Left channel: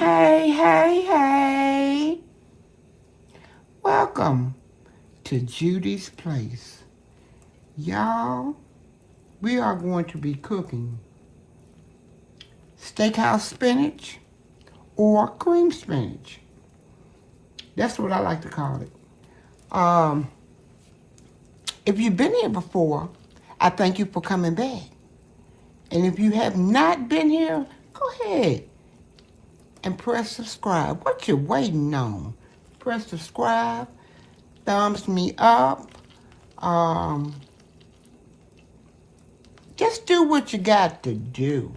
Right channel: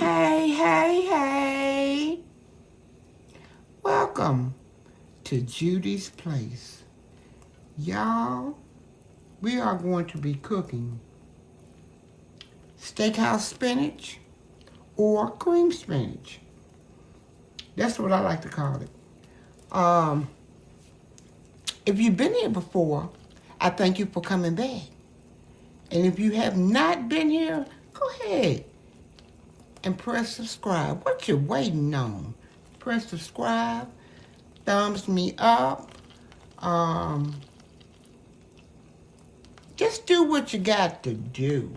Hey, hey, hey. Welcome to Judy's Place. Y'all, we are going to be cooking steakhouse spinach or cream spinach. That's what I like to call it. If you've been here before, I thank you for coming back. And if you have not been here, go ahead and press subscribe. What you waiting on? Press subscribe, thumbs me up. Just do what you got to do.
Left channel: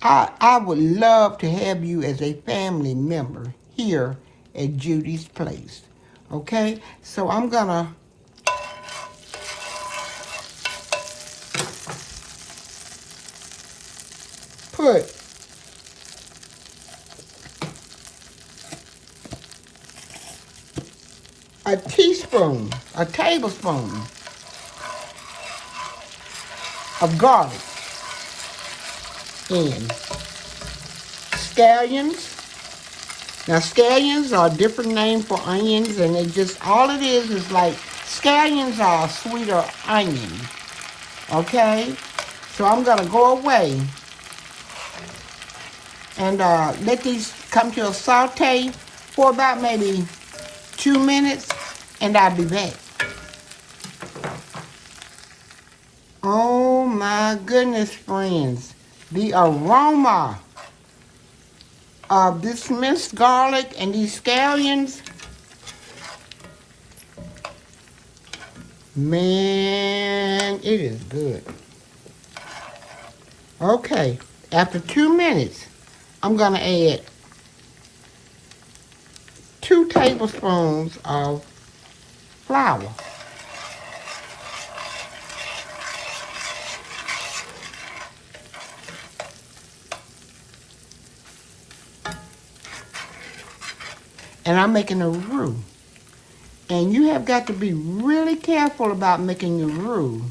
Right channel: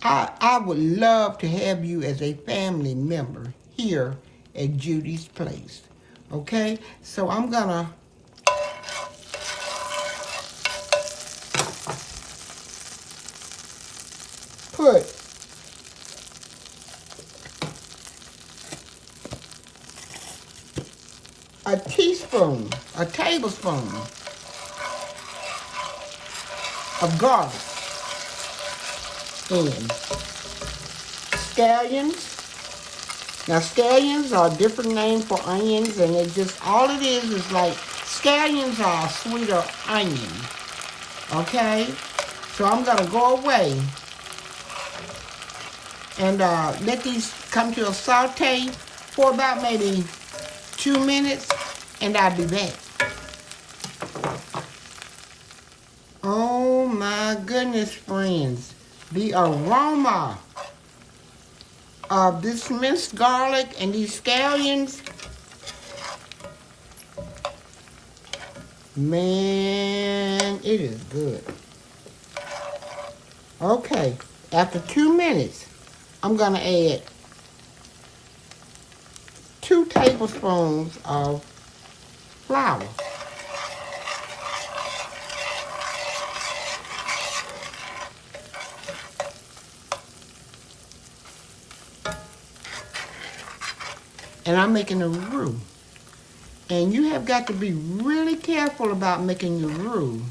I would love to have you as a family member here at Judy's Place. Okay? So I'm gonna put a tablespoon of garlic in. Scallions. Now scallions are a different name for onions, and it just, all it is like, scallions are a sweeter onion. Okay? So I'm gonna go away and let these come to a saute for about maybe 2 minutes, and I'll be back. Oh my goodness, friends. The aroma of this minced garlic and these scallions, man, it is good. Okay, after 2 minutes, I'm gonna add 2 tablespoons of flour. And I'm making a roux. And you have got to be really careful about making your roux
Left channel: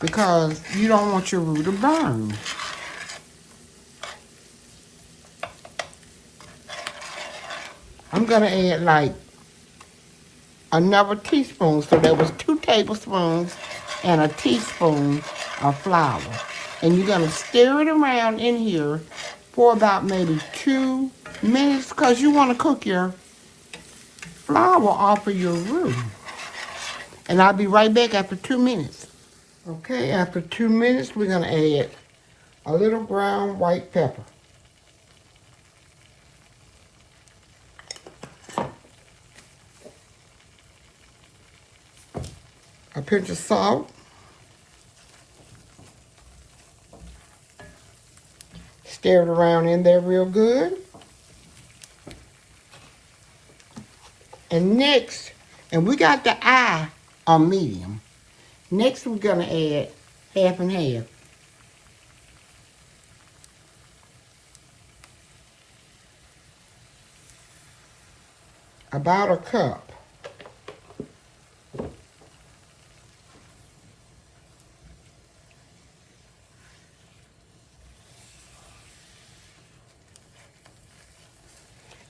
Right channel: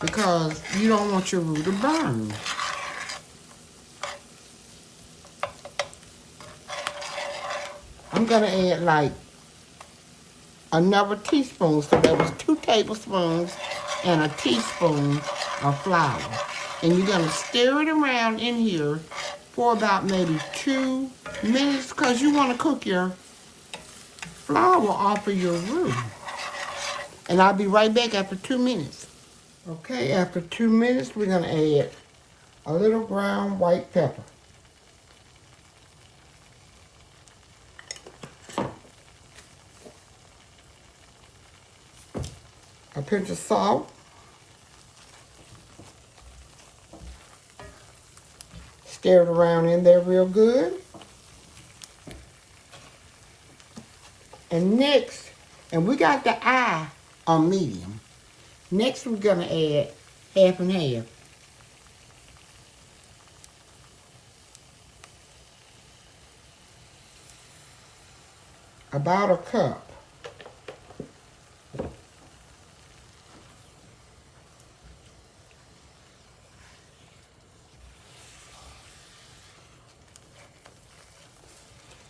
because you don't want your roux to burn. I'm gonna add like another teaspoon, so there was 2 tablespoons and a teaspoon of flour. And you're gonna stir it around in here for about maybe 2 minutes because you want to cook your flour off of your roux. And I'll be right back after 2 minutes. Okay, after 2 minutes, we're gonna add a little ground white pepper. A pinch of salt. Stir it around in there real good. And next, and we got the eye on medium. Next, we're gonna add half and half. About a cup.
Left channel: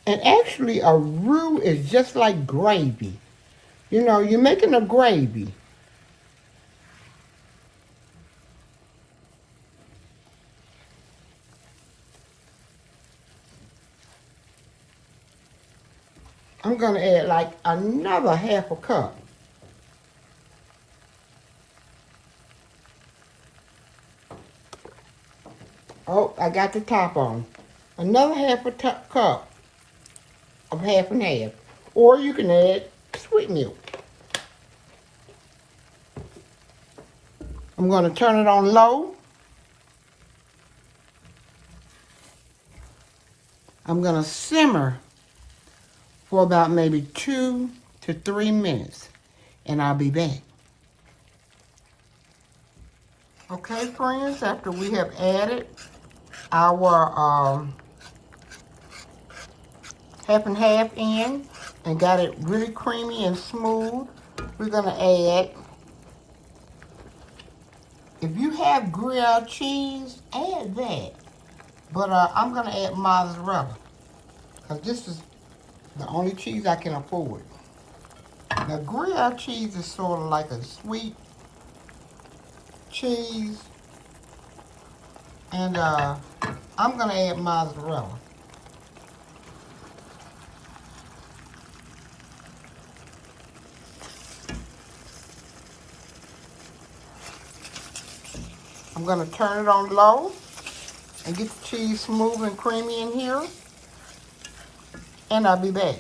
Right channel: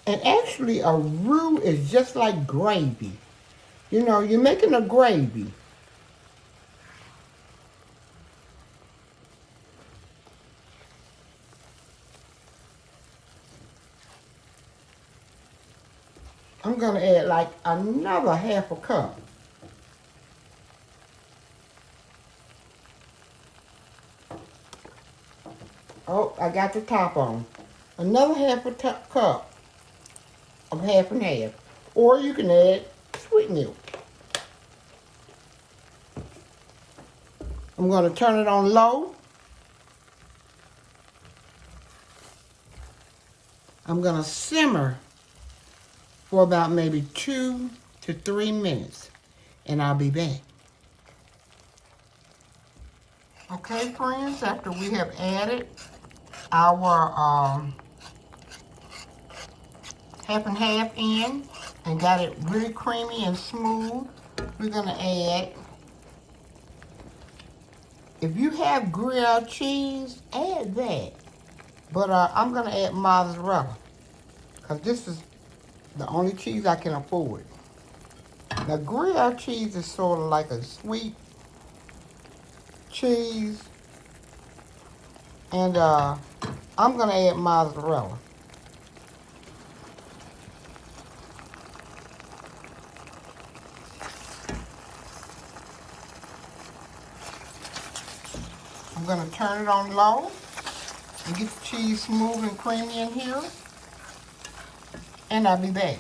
And actually, a roux is just like gravy. You know, you're making a gravy. I'm going to add like another half a cup. Oh, I got the top on. Another half a cup of half and half. Or you can add sweet milk. I'm going to turn it on low. I'm going to simmer for about maybe 2 to 3 minutes, and I'll be back. Okay, friends, after we have added our half and half in and got it really creamy and smooth, we're going to add, if you have grilled cheese, add that. But I'm going to add mozzarella. because this is the only cheese I can afford. Now, Gruyere cheese is sort of like a sweet cheese. And I'm going to add mozzarella. I'm going to turn it on low and get the cheese smooth and creamy in here. And I'll be back.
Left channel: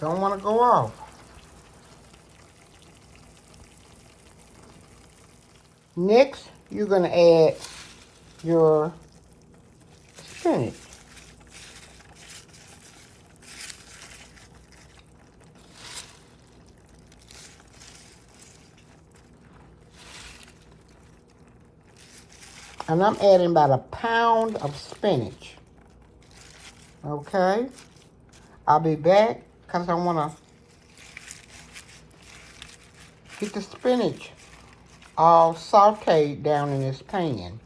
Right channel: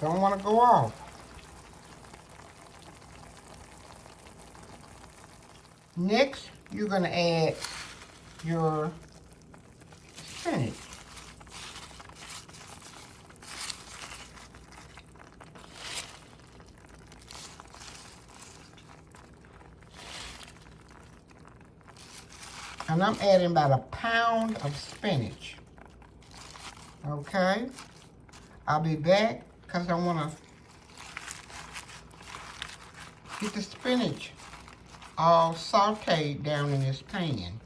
Don't want to go off. Next, you're going to add your spinach. And I'm adding about a pound of spinach. Okay? I'll be back because I want to get the spinach all sauteed down in this pan.